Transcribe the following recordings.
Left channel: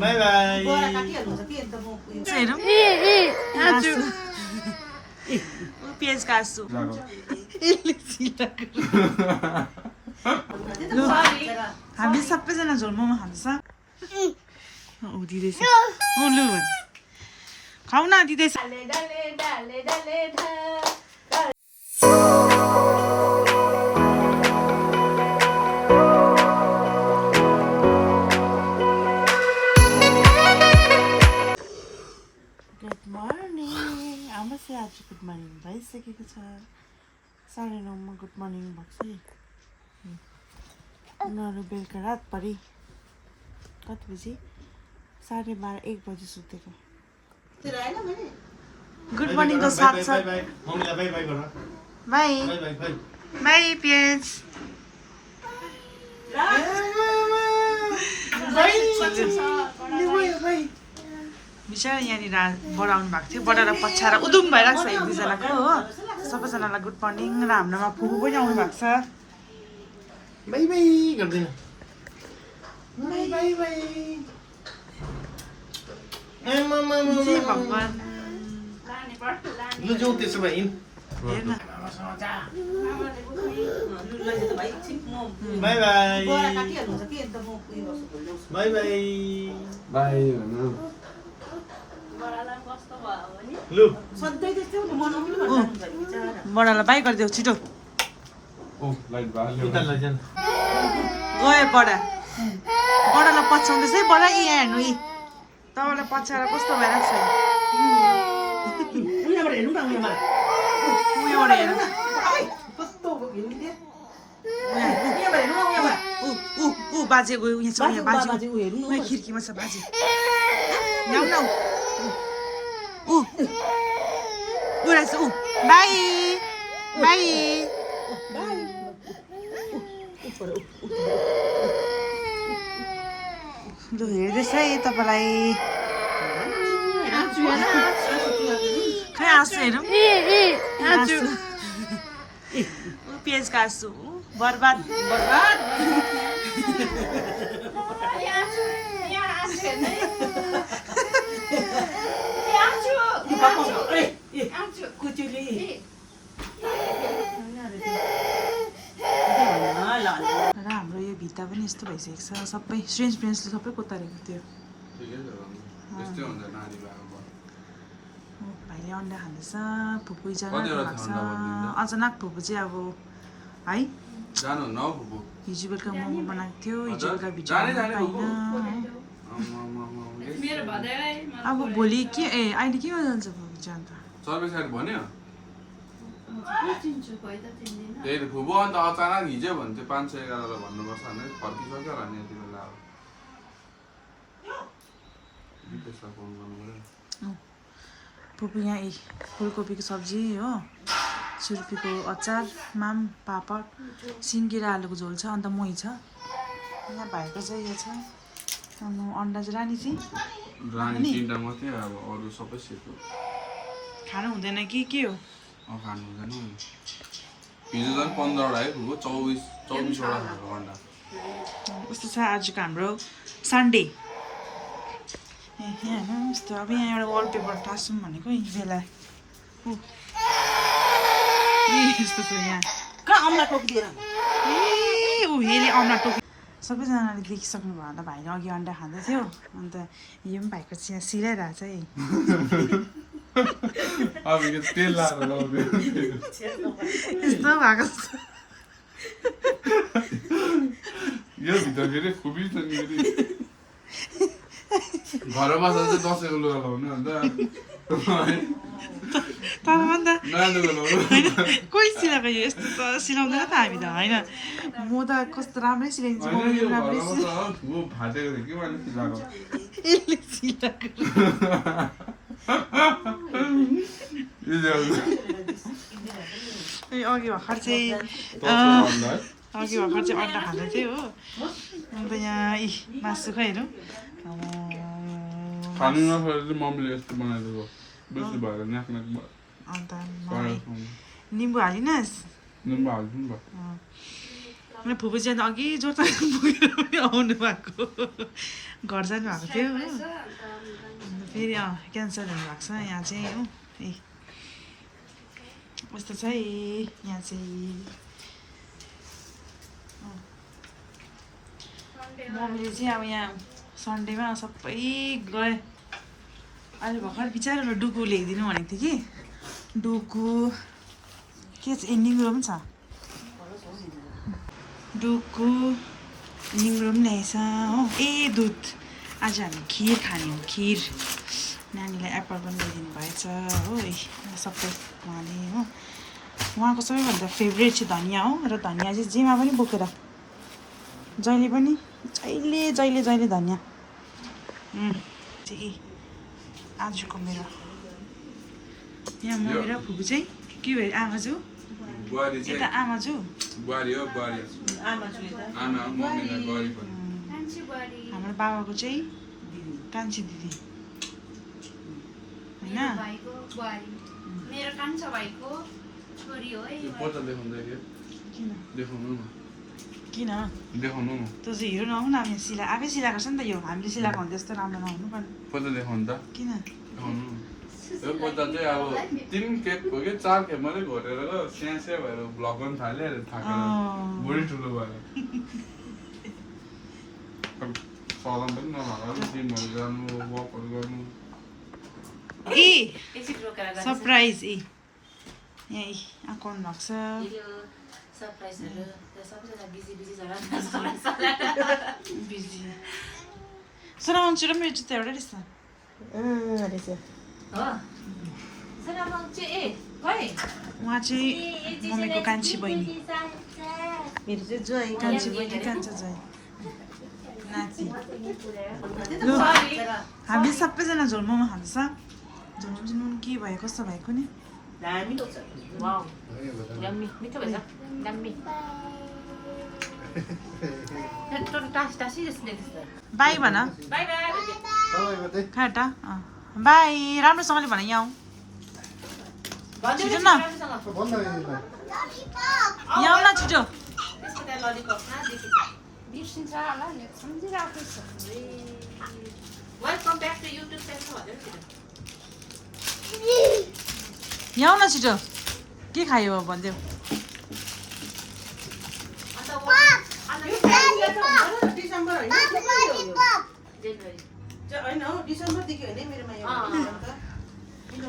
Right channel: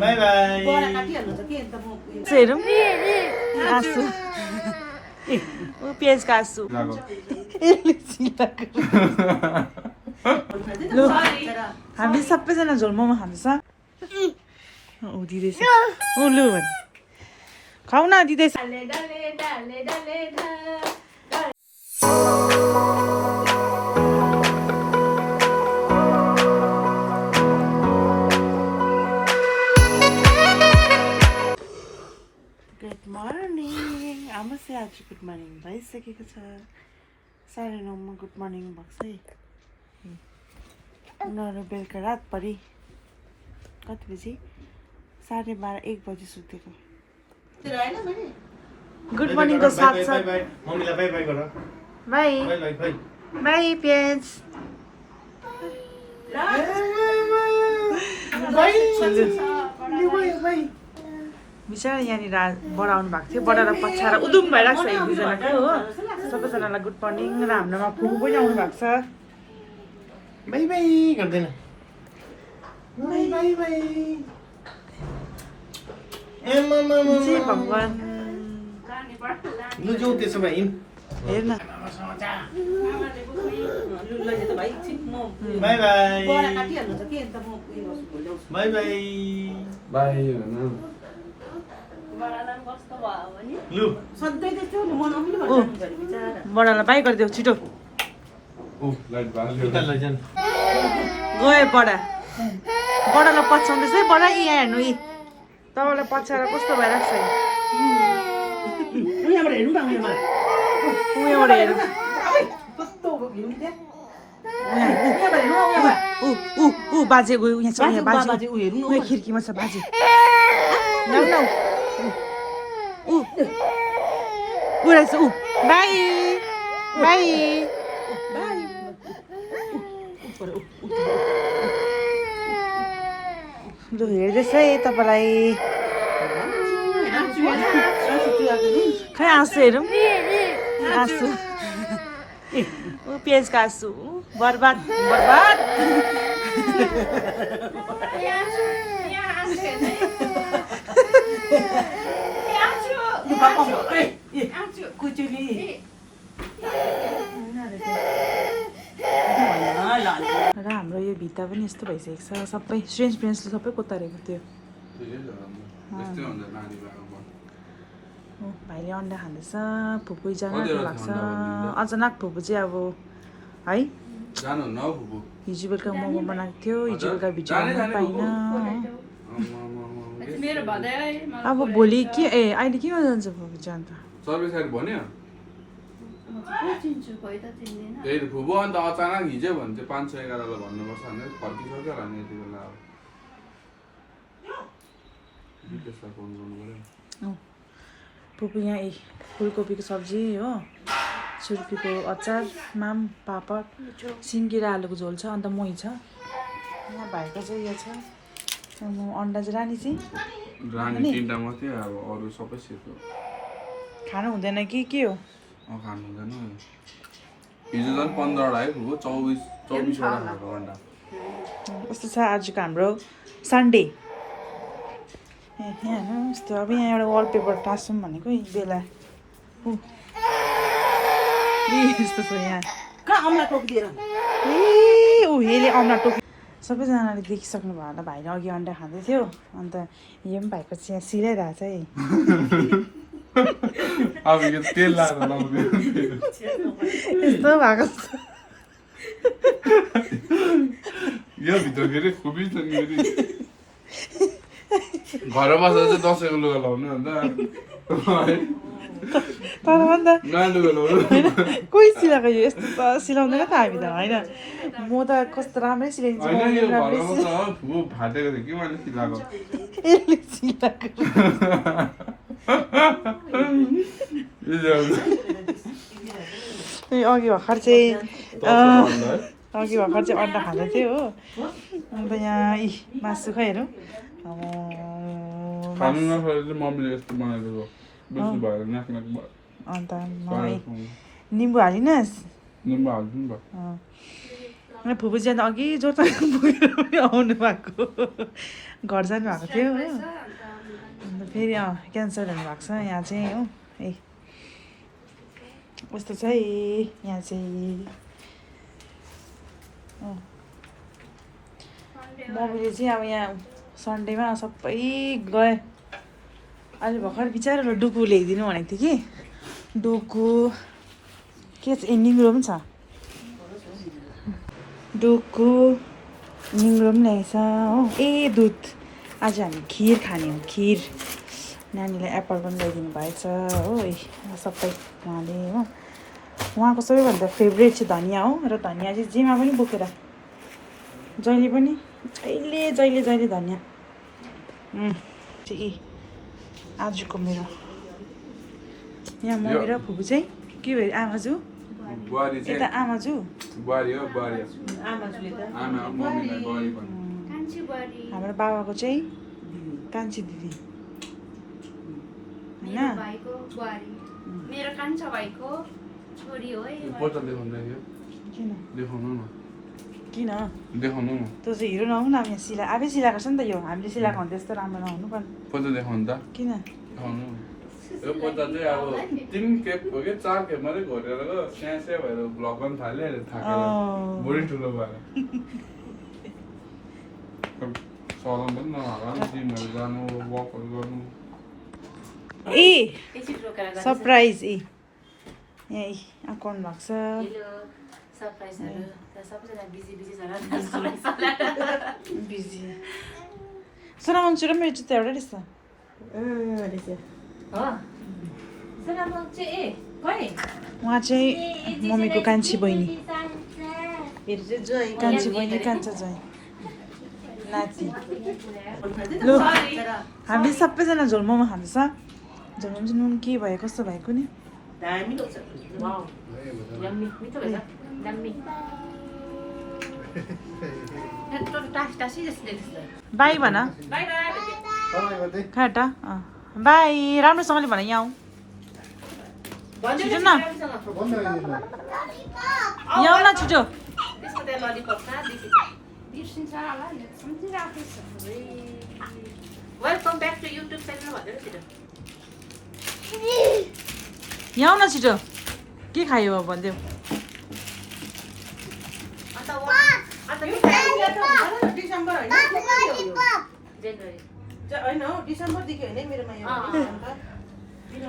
By by हेरौँ पियाज काट्छु लु हामी सबैजना झोल मोमो खाँदैछ ऊ दिँदैछ ऊ लु भने खाऊ न दिँदैछ गुड मर्निङ हाम्रो चाहिँ आज गुड मर्निङ भइसकेको छ 9:30 गुड मर्निङ भएको छ है उनीहरू बेलुका रात परि कति बजी 12:30 1 बजी सुतेको गुड मर्निङको साथ साथ मम्मीलाई बाई बाई गर by by by by by पियाज बिचरा यहाँनिर बडा आउनु भएको थियो बडा र पछाएर उदुम भइरहेको छ एक दुईजनाको हो सबैजनालाई गुड मर्निङ र हाम्रोमा फुपू पनि आउनु भएको छ बाई बाई गर्दैन बाई बाई बाई ए मम्मा जी भगवान लु जाऊ त्यसो भए हिँड हेर न by by by by by लु बडालाई बाई गरिदेऊ छिटो उता लैजान गयो बडालाई पछ्याउँदैछ है बडा यहाँ हेर्नु यी तपाईँलाई पछ्याएर कस्तो भइरहेको छ उयोबाट हेरौँ बाजे गयो यहाँ छ यहाँ बाजे उयो खिर्कीमा छ बाजे ल्याउ न ऊ रहेछ ऊ बाई बाई लु हेर्दैछ है तपाईँलाई खै आँसु हेरौँ आँसु पियाज काट्छु बर्बाद र हाम्रो यो भित्ता पनि यस्तो भइसकेको छ सबै फ्रेन्ड्सले सबै कोतारेको थियो भाइले अन्डा खाँदैछ फुपू जानु भएको छ अचानक फुपू चाहिँ अब है हिजो बेलुका मोमो बनाएको थियो हिजो बेलुका भिडियो बनाउनु पाइनँ अब भोलि के अहिले के जान्छ फुपू चाहिँ अन्त त्यही फुबु अन्त अचानक हिजो भने चाहिँ 511 भन्नुपर्छ भनेर फर्किसक्यो होला नि यति बेला अब फुपू यहाँ फुलकोपीको सब्जी हो छुर्पीको अचार माम पापड सिन्की र आलुको झोल छ अन्त मही छ यहाँ भाइको चाहिँ यो छ अन्डा चाहिँ रानी चाहिँ तीनटा मात्रै अब अरू सबै सेतो खानु हुँदैन कि के हो खानु हुँदैन हिजो झन् 15वटा है फुबु 24वटा खाएको अन्डा कस्तो छ आजको हाम्रो सन्डे यहाँ हेर्नु यस्तो अब यहाँ एउटा वालपेपर टाँसौँ भनेको बेला यस्तो छ यहाँ कहाँ अम्ला टोक दिएर ए ऊ हेले अम्ला टोक सबैजनाले देखिसक्नु भयो होला भाइले अघि अन्डा खाँदै थियो अन्त यो पनि भाइको चिया सिलाइरहेको छ है अब यो तेल लाएर लाउँदै यस्तो भएको यो भित्र फेरि खुबी छ नि फेरि घरमा बस्दा चाहिँ दसैँको लुगा लाउने अन्त तर भन्दा नयाँ लुगा लाउनु कोही सिलाएको यो यस्तो त सिलाउँदैन त हामी त होइन म त कस्तो राम्रै सिलाइदिन्छु मम्मीले पनि राम्रै फाटेको थियो कि मैले सिलाएको यसले सिलाएको अघि भर्खर चाहिँ अन्डा खाँदै थियो हो अन्त यहाँ मासु खै हेरौँ खानु नसकेर मम्मीले यस्तो बनाइदिएको बेसी भएर नाक भयो अन्त निम्बु हालिनस् निम्बु हाल्छु नि भयो फुपूजी अन्त अघि जोरथाङ पुगेर पनि आउनु भएको घर जानु भएको थियो हो अन्त फेरि क्यान्सर हुनुभएको छ यहाँ चाहिँ हो ए कस्तो छ है यहाँ चाहिँ मम्मीले चाहिँ अब यहाँ सन्डेमा सबै गए अहिले भर्खर बिचरा डुकु ल्याइदिनु भनेको थियो कि डुकु के छ निङ्ग्रो पनि छ डुकु निङ्ग्रो पनि ल्याएछ हो ए दुध आज हामी खिर खाने हो खिर नानीलाई एप्पल पनि ल्याइदिनु भएछ हो ए सबै उहाँले हो उहाँको सबैभन्दा फेभरेट चाहिँ धनियाँ हो र धनियाँ चाहिँ जेमा पनि बोकेर जहिले पनि जहिले धनियाँ चाहिँ आजको मेरो यहाँ मम्मी र फुपू चाहिँ के भयो आमाजु यता आमाजु हाम्रो बाबाको चाहिँ कान्छी दिदी होइन मेरो कान्छा भाइको छोरी हो है किन देखाउनु न तँ चाहिँ हिरो नहुनु अब यहाँ सिला आफै सिलाएको छ नि त यो हामीले सिलाएको भने त्यस्तो राम्रो नहुनु पनि फोटो देखाउनु त किन देखाउनु यो फोटो चाहिँ अब 3 टेप हो कि 4 खेप मात्रै घोटेर स्यासे भएर ब्लग गर्न थाल्यो थाकेर बढी ठुलो भएर चलाउनु पनि नहाल्नु जिमहरू जानु वकहरू गर्नु ए सरप्राइज ए यहाँ आउनु भएको छ बिजी सोनामङचु र मेरो जुत्ता एउटा रहेछ उहाँ चाहिँ मम्मीको कान्छी बहिनी कान्छी बहिनी कान्छा ज्वाइँ नाति लु हामी सबैजना झोल मोमो खाँदैछ झोल मोमो चाहिँ नुन के भयो कस्तो भएको नि बाई भन खाटा बाई राम्रोसँगले भन यहाँ छिटो न यहाँ आऊ न छिटो यहाँ आऊ न छिटो के खायो अब भनिदेऊ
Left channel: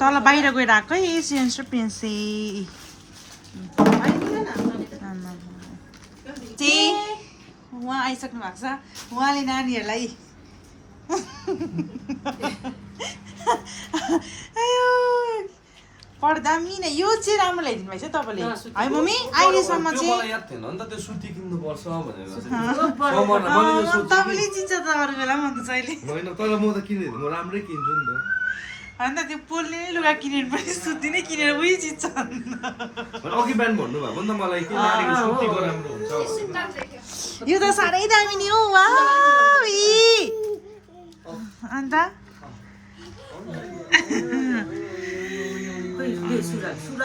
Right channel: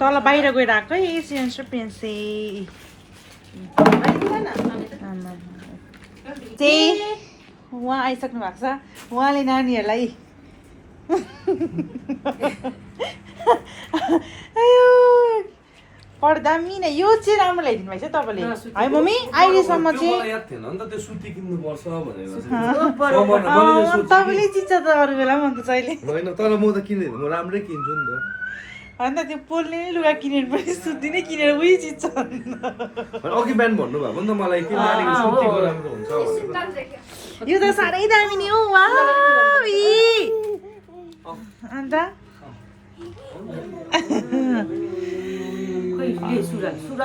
तल बाहिर गएर आएको है सियन्स र पेन्से चाहिँ उहाँ आइसक्नु भएको छ उहाँले नानीहरूलाई पढ्दामी नै यो चाहिँ राम्रो ल्याइदिनु भएछ तपाईँले है मम्मी अहिलेसम्म चाहिँ तपाईँले चिन्छ त अरू बेला पनि अन्त अहिले होइन तर म त किन्दैन म राम्रै किन्छु नि त अन्त त्यो पोल्ने लुगा किनेर पनि सुत्ती नै किनेर उही चिन्छ अघि बिहान भन्नुभएको नि त मलाई कि नानीको सुत्तीको राम्रो हुन्छ भनेर यो त साह्रै दामी नि हो वा अन्त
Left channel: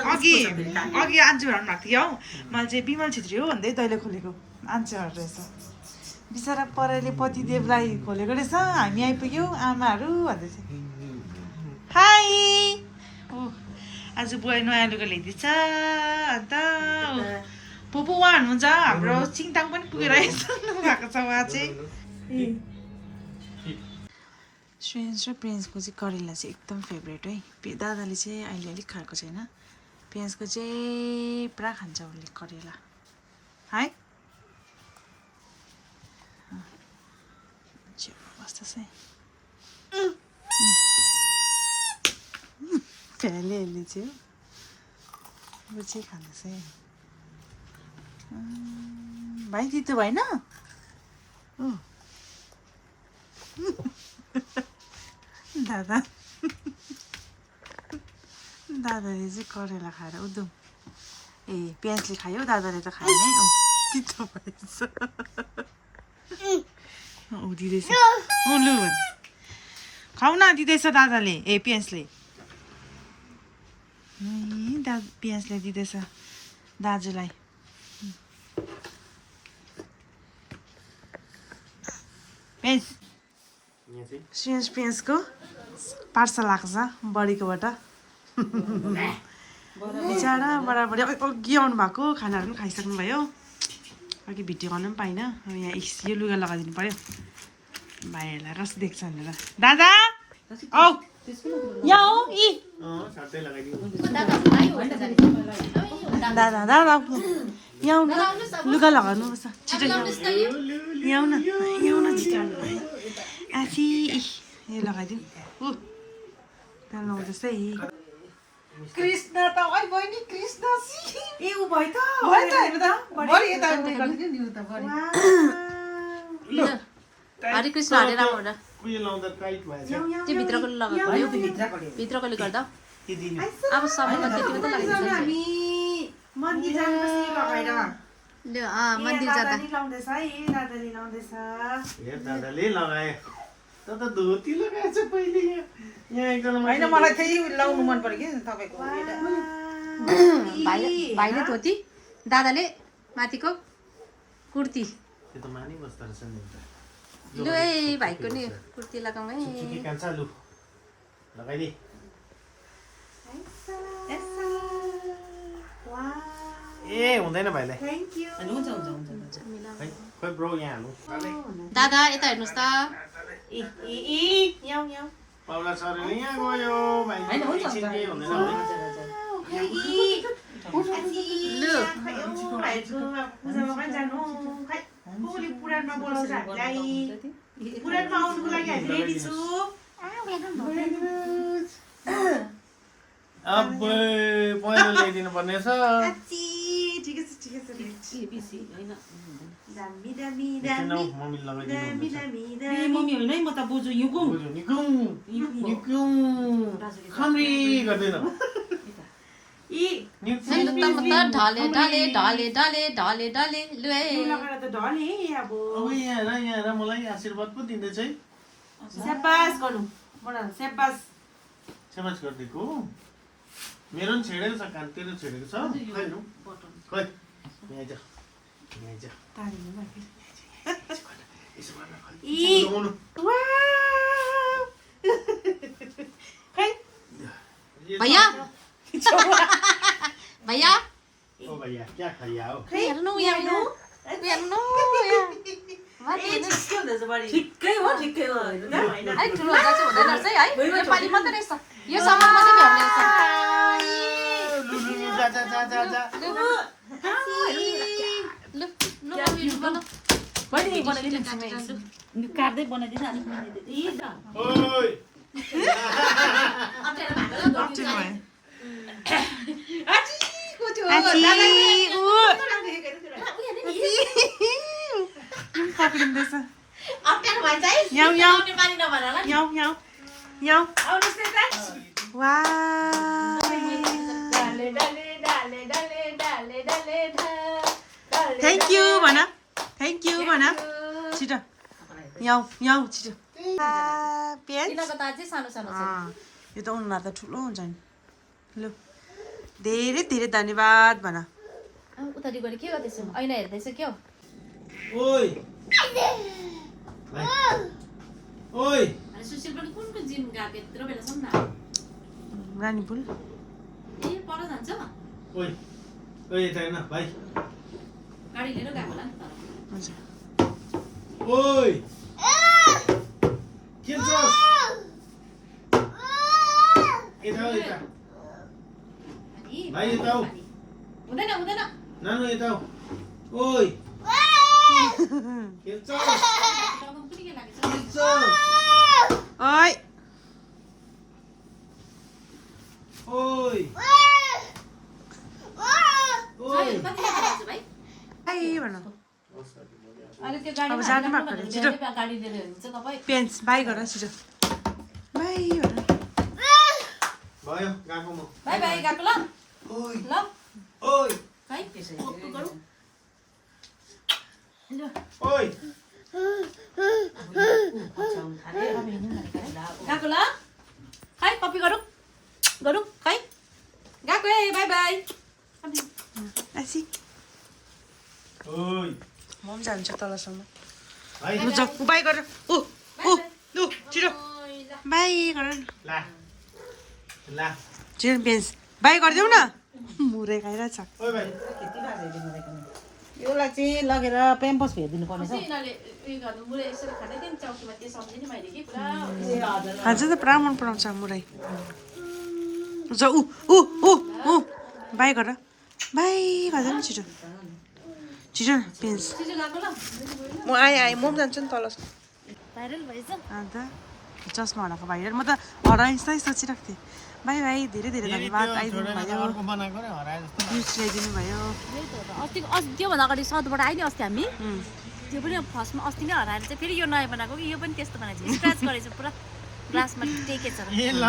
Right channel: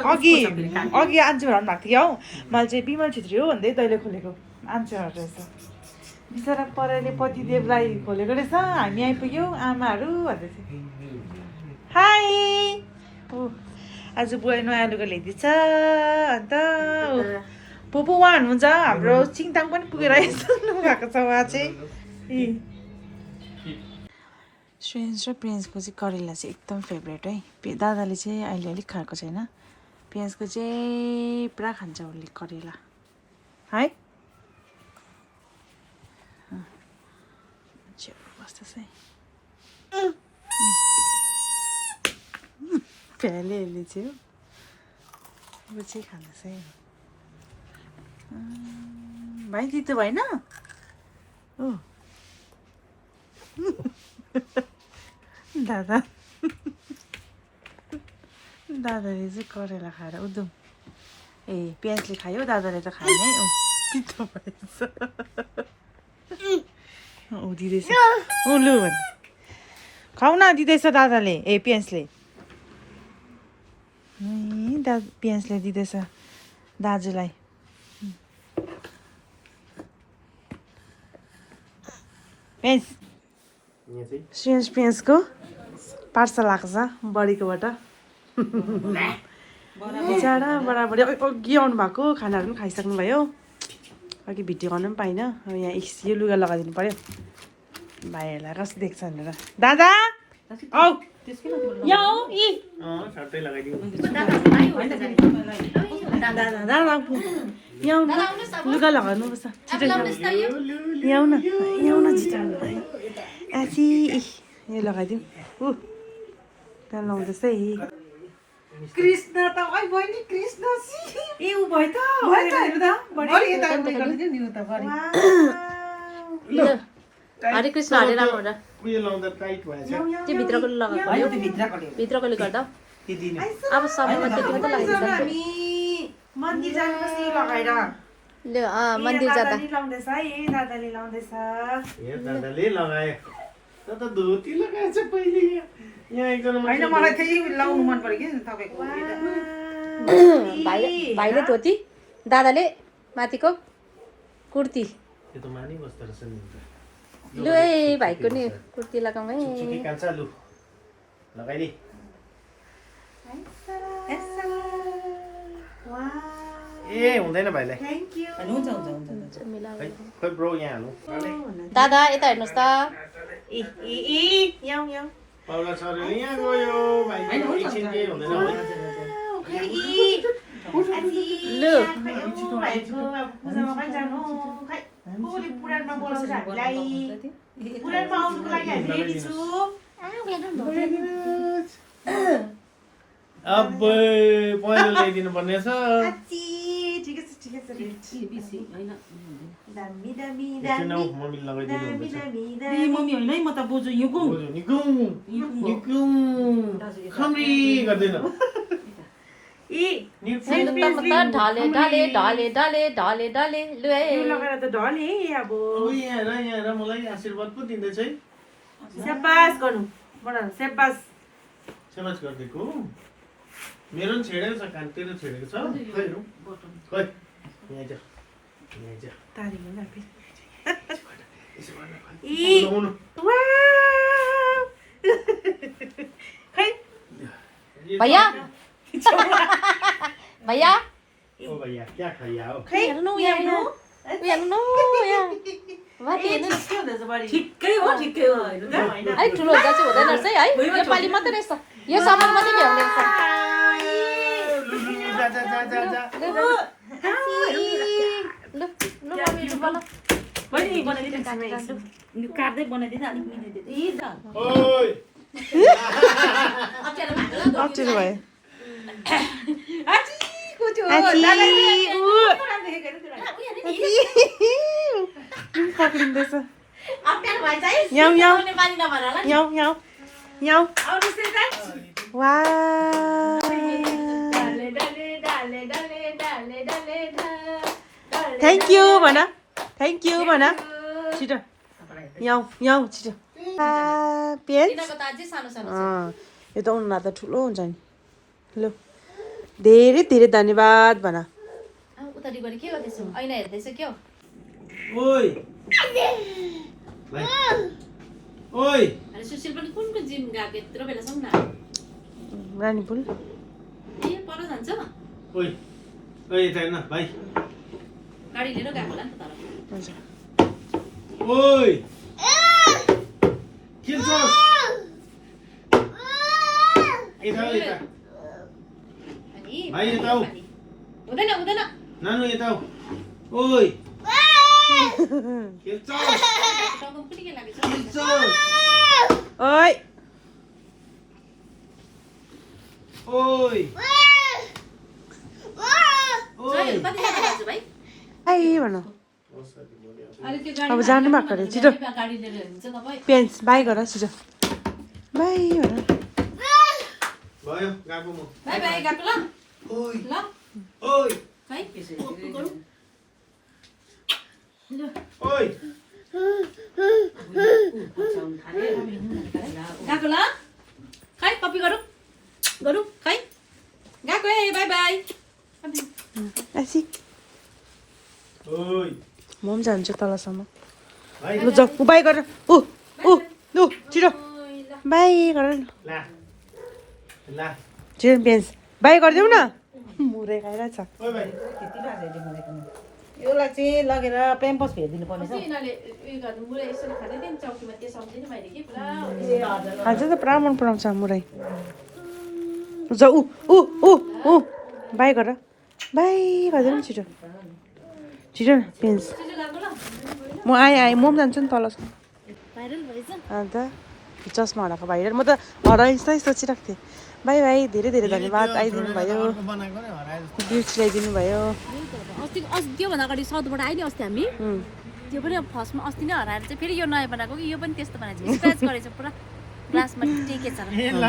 अघि आन्चु भन्नु भएको थियो हौ मैले चाहिँ विमल छेत्री हो भन्दै तैँले खोलेको आन्चुहरू रहेछ बिचरा परेले पतिदेवलाई खोलेको रहेछ हामी आइपुग्यौँ आमाहरू भन्दै थियो हाई ओ आज बुवाई नयाँ लुगा ल्याइदिन्छ अन्त पोपो उहाँ हुनुहुन्छ हाम्रो चिङताङ पनि पुगेर आइसक्नु भएको छ उहाँ चाहिँ श्रेन्स र प्रिन्सको चाहिँ करेला चाहिँ एकदम फेभरेट है दादाले चाहिँ अहिले अलिक खाएको छैन प्रिन्सको चाहिँ पुरा खान्छ उसले करेला है बस्दैछ है प्यालेहरूले चाहिँ हो चाहिँ खाँदैछ है भाइ तितो भएन ओ दादा दादाले चाहिँ करेला खाएर उदुम ए प्याजले खायो दादाले त खाएन है तितो भएछ दिँदैछ लु भने खाउ न दिँदैछ दादाले ए प्याजले प्याजले दिँदैछ दाजुलाई पेन्स यहाँ चाहिँ श्रेयस पेन्सको पार्सल आएको छ बडीकोबाट बिचरा बराबरी अघि आउनु भएको खानाहरू पनि खाइसक्नु भयो अघि भिडियो गर्नु पनि पाइनँ अब यहाँ यो लुगा लगाइदिनु पऱ्यो भाइहरूलाई कस्तो देख्छ भनेर दादा औ यहाँ हो यी छर्टै लगाइदिउँ दादा दादा यहाँ आउनु लुगा लगाउनुपर्छ छिटो यहाँ आउ न छिटो आसी यो लगाइदिउँ ऊ त्यहाँ लाउँदैछ है कृष्ण त ओइ बहिनी कृष्ण ए ऊ भयो त हरे कृष्ण हरे राम हो र उयो लाउँदा टाइट भएछ त्यो भित्रको लगाएको हो भित्रकोले गर्दा के दिने अब समयमा त्यति मात्रै लगाइदिन्छ मन्दिर जानुपर्छ लगाएर ले मन्दिर जाँदा लाउँदैछ है दादाले लाउँदैछ ए दादाले लगाए त धोती लगाएछ पहिले यहाँ एकदम हैन मलाई त्यही लाउनु मन पर्यो कि तपाईको भाइले धोती दादाले माथिको कुर्ती त्यो त मानि बस्दो रहेछ नि लु है भाइको नि कुर्ती लगाउँ है के कान्छ लु लगाइदे ए हुँदैन भाइलाई हुन्छ हुन्छ हुन्छ है खोइ ब्रो यहाँ हाल्नु दादा यता हेर्नुहोस् त पाउला छोरीले यहाँ गयो भाइ एकछिन के हुँदैन लु अब पहिलो ल्याइदिनु पर्ने छ एकछिन आऊ मम्मीले लगाइदिनु हुँदैछ मम्मी होइन है म त बोजू युगु बोजू निकुम निकुम खम्री गर्दैन लु त म त ढले ढले ढले ढले ढले ढले लु है लगाएर त ढले अब अब यहाँ मलाई आशीर्वाद पो दिँदैछ है स्याबास गर्नु बडा स्याबास सेवाज गरिदिएको मेरो पनि छेडेको छ कान तेरो छेडेको छ खै हेरौँ खै यहाँ आइज यहाँ आइज तारी हो न यसो गर्न खै ई लगाउनु। वाउ खै भैया भैया ओ भैया क्या खाइया हो हेर्नु यहाँ हेर्नु यहाँ वाति हेर्नु ठिक्कै हो ठिक्कै हो हैन अलिक ठुलो हुँदा चाहिँ हुँदैन रहेछ है यो पालि मात्रै रहेछ यो समर मात्रै भ्याउने रहेछ जा जा जा जा जा लु लु मम्मी लु बनाऊ काट्दै बनाइदिन्छ अलिक बनाइदिन्छ ओइ अप्ठ्यारो भयो आची ऊ पक्रिँदैछ याउ याउ याउ याउ याउ वा थ्याङ्क यू भन थ्याङ्क यू भन छिटो याउ याउ छिटो पेन यो त उनीहरू त ठुलो हुन्छ नि लु धेरै धेरै धन्यवाद भन उतारिबाट के गर्दैछ ऐना हेर्दैछ के हो ओइ ओइ अरे सुशील पनि कुन जिम गएको यत्रो बेलासम्म न रानीपुल ए पर जान्छ ओइ ओइ यता हेर्न भाइ गाडी लिएर गएको होला नि त तर हजुर ओइ के छ यता आऊ, यता अनि भाइ यता आऊ। हुँदैन हुँदैन नानु यता आऊ। ओइ के छ टाउको पनि के लागेछ के छ ओइ ओइ जय कति जानु दाजु भाइ हाई भन अहिले त्यो गाडी अब जानु भएको अरे छिटो गाडी लिएर हिँड्छ तपाईँ पेन्स बाई गर छिटो बाई भन भयो गएको म बाई बाई गएको ल ओइ ल ओइ है गरौँ ओइ गएको ल खै कपी गरौँ गरौँ खै गएको है बाई बाई आसी ओइ म पनि जान्छु तलसम्म ल जाऊ बाई गर ऊ छिटो बाई गर ला ला छिटो बेन्च बाई गरिदेऊ न मुरै खाइरहेछ ओइ भाइ यसलाई चाहिँ लगेर पेम्पोस फेरिदिनु पर्नेछ यिनीहरूले उयो गर्नु मुरै यसरी खाँदै थिएँ नि चौकीमा त्यो सम्झिने मैले कि पुरा खान्छ त पुरा मन पराउँछ मुरै जा ऊ बाई गर बाई गरिदेऊ न छिटो छिटो न बेन्च म आएँ म पनि जान्छु नि तल भाइरल भएछ अन्त चस्मा हराएको भाइरल म त हराइन्छ सोचिरहेको थिएँ बाई बाई धेरै धेरै धन्यवाद आइदिनु भयो बनाएको नै हराए जस्तो गिफ्ट ल्याइदिनु भयो अस्तिको त्योभन्दा अगाडि साउथबाट आयो नि अस्ति हामी त्यो पनि फर्स्टमा अस्ति नै हराएर चाहिँ फेरि यो नयाँ बनाएको कि यो पनि त्यस्तो बनाएको छ स्क्र्याच गरेछ पुरा ग्लासमा टेकेछ ए ल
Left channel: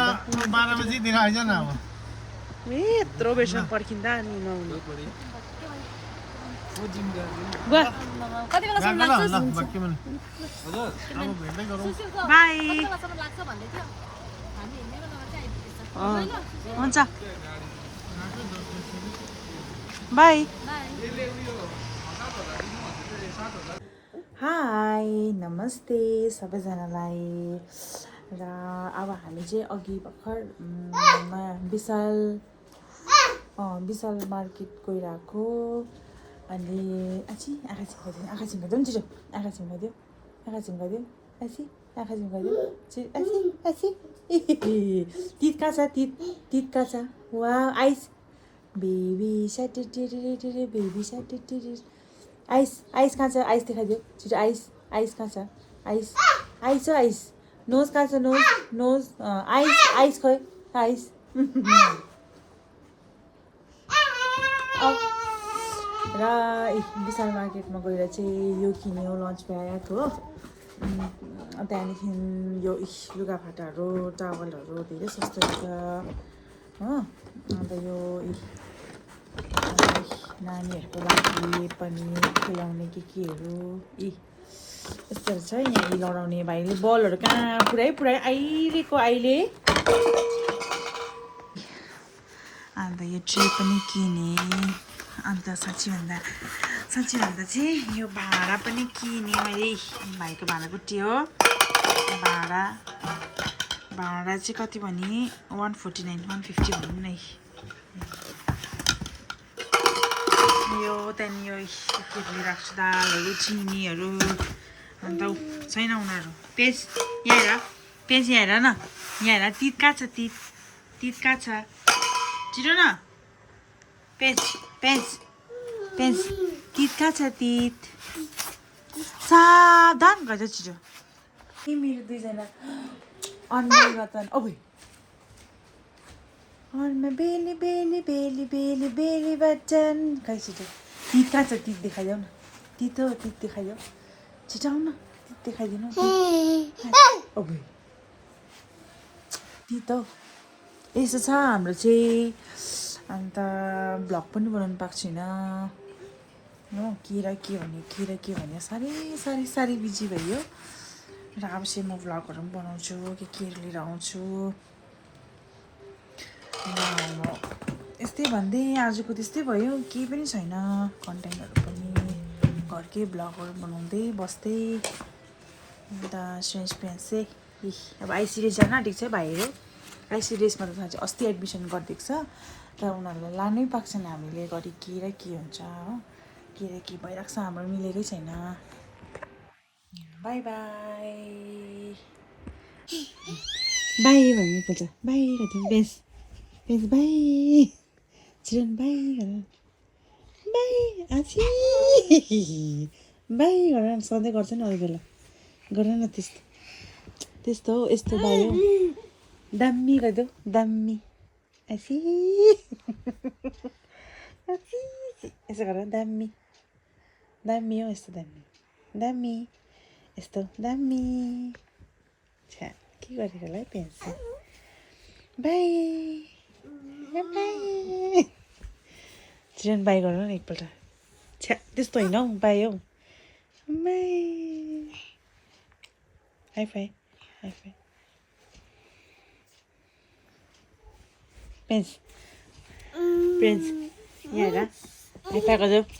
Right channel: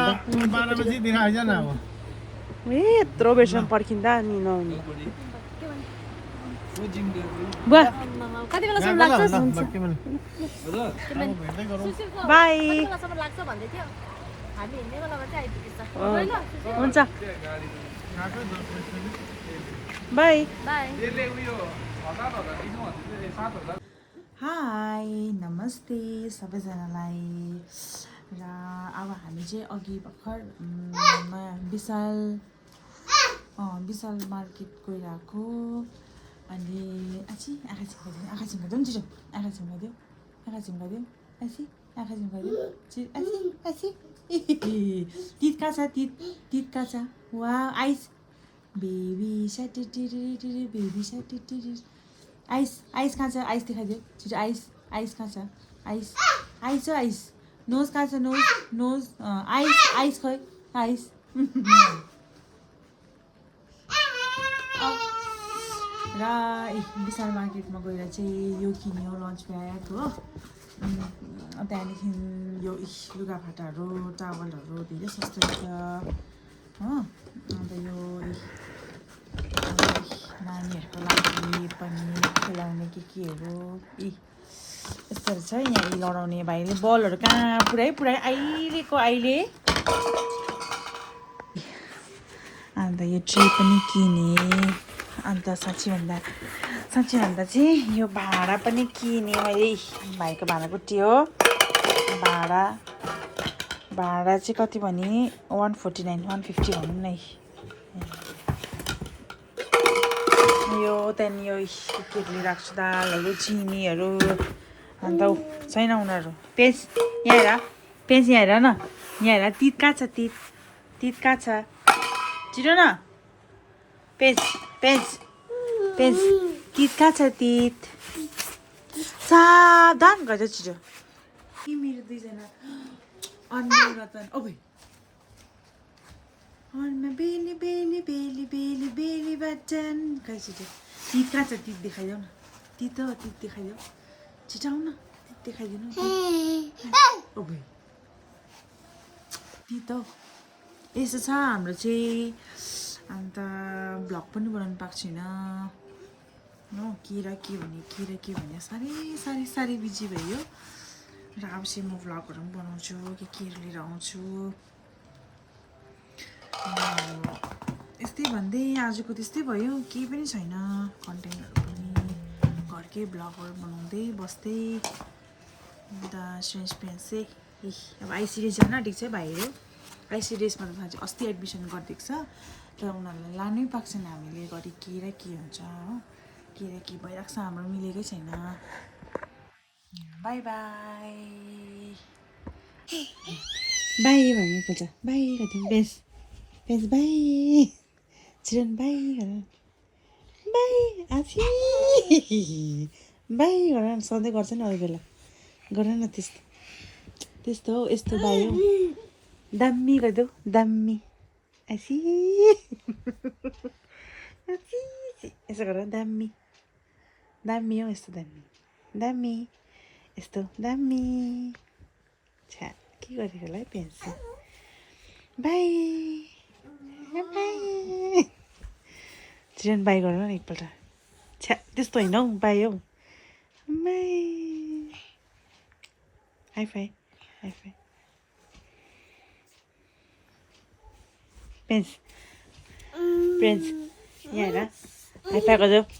12 बजीतिर आइज न अब ए यत्रो बेरसम्म पर्खिँदा नि नहुनु कति बेलासम्म लाग्छ ल बक्के पनि भेट्दै गरौँ बाई कति बेलासम्म लाग्छ भन्दै थियो हामी हिँड्ने बेलामा चाहिँ आइपुगेछ हुन्छ आफै 10 बजी बाई बाई हाई नमस्ते सबैजनालाई र अब हामी चाहिँ अघि भर्खर विशाल मार्केट गइरहेको अनि आँखा झिम्काइदेऊ नि छिटो आँखा झिम्काइदेऊ आँखा झिम्काइदेऊ तित कहाँ छ तित कहाँ छ वा आइस बेबी स्याटेटेटेटे बेबी स्याटेटेटे आइस कहाँ छ आइस देखाइदेऊ छिटो आइस कहाँ छ आइस हो आइस नोज कहाँ छ नोज आइस खोइ आइस र विशाल मार्केटमा गएर चाहिँ यो किन्यो लन्च ब्याग हो त्यहाँदेखि यो लुगाफाटाहरू टावलहरू धेरै सस्तो छ हो अन्त यो नानीहरूको लागि पनि खेलाउने केहरू यस्तोहरू छ यहाँ लडाउने भाइले बलहरू कहाँ पुरै अहिले अन्त यो ट्रे पनि किने अन्त साँच्ची भन्दा चाहिँ यो भाँडा पनि किने मैले भाइको भाँडा कुटी हो भाँडा चाहिँ कति भने 149 150 भनौँ न यो त्यहाँदेखि यो केटीले राख्छु दालहरू चिनीहरू अन्त छैन उनीहरू पेज यहाँ हेर न यहाँ हेर तित कहाँ छ तित कहाँ छ छिटो न पेज तित कहाँ छ तित सावधान गर्छ छिटो मेरो दुईजना अनुहार रतन अनुहारमा बेली बच्चन खै छिटो तित कहाँ छ तित देखाइदेऊ न तित देखाइदेऊ छिटो आऊ न तित देखाइदिनु तित हौ यस्तो छ हाम्रो चाहिँ अन्त भ्लग पनि बनाउनु पाएको छैन हो के भने साह्रै बिजी भयो र अब चाहिँ म भ्लगहरू पनि बनाउँछु केहरू लिएर आउँछु यस्तै भन्दै आजको त्यस्तै भयो केही पनि छैन कन्टेन्टहरू पनि घरकै भ्लगहरू बनाउँदै बस्दै अन्त फ्रेन्ड्स चाहिँ अब आइसिडिएस जान आँटेको छ भाइहरू आइसिडिएसमा त थाहा छ अस्ति एडमिसन गरिदिएको छ तर उनीहरूलाई लानै पाएको छैन हामीले गरी के र के हुन्छ हो के र के भइरहेको छ हाम्रो मिलेकै छैन बाई बाई भन्नु पर्छ बाई गर्दै बेस बाई चिरन बाई गर बाई आछि बाई गर सधैँ गर्छ नि अरू बेला गर न त्यस्तो हो यस्तो बाई हो दामी गरिदेऊ दामी आसी यसो गर दामी हो यस्तो दामी यस्तो दामी छ्या के गरेको होला है पेन्स बाई चिरन बाई गर न एकपल्ट छ्या त्यस्तो होइन हौ बाई हौ बाई हाई फाई प्रिन्स यहाँ हेर हाई फाई गरिदेऊ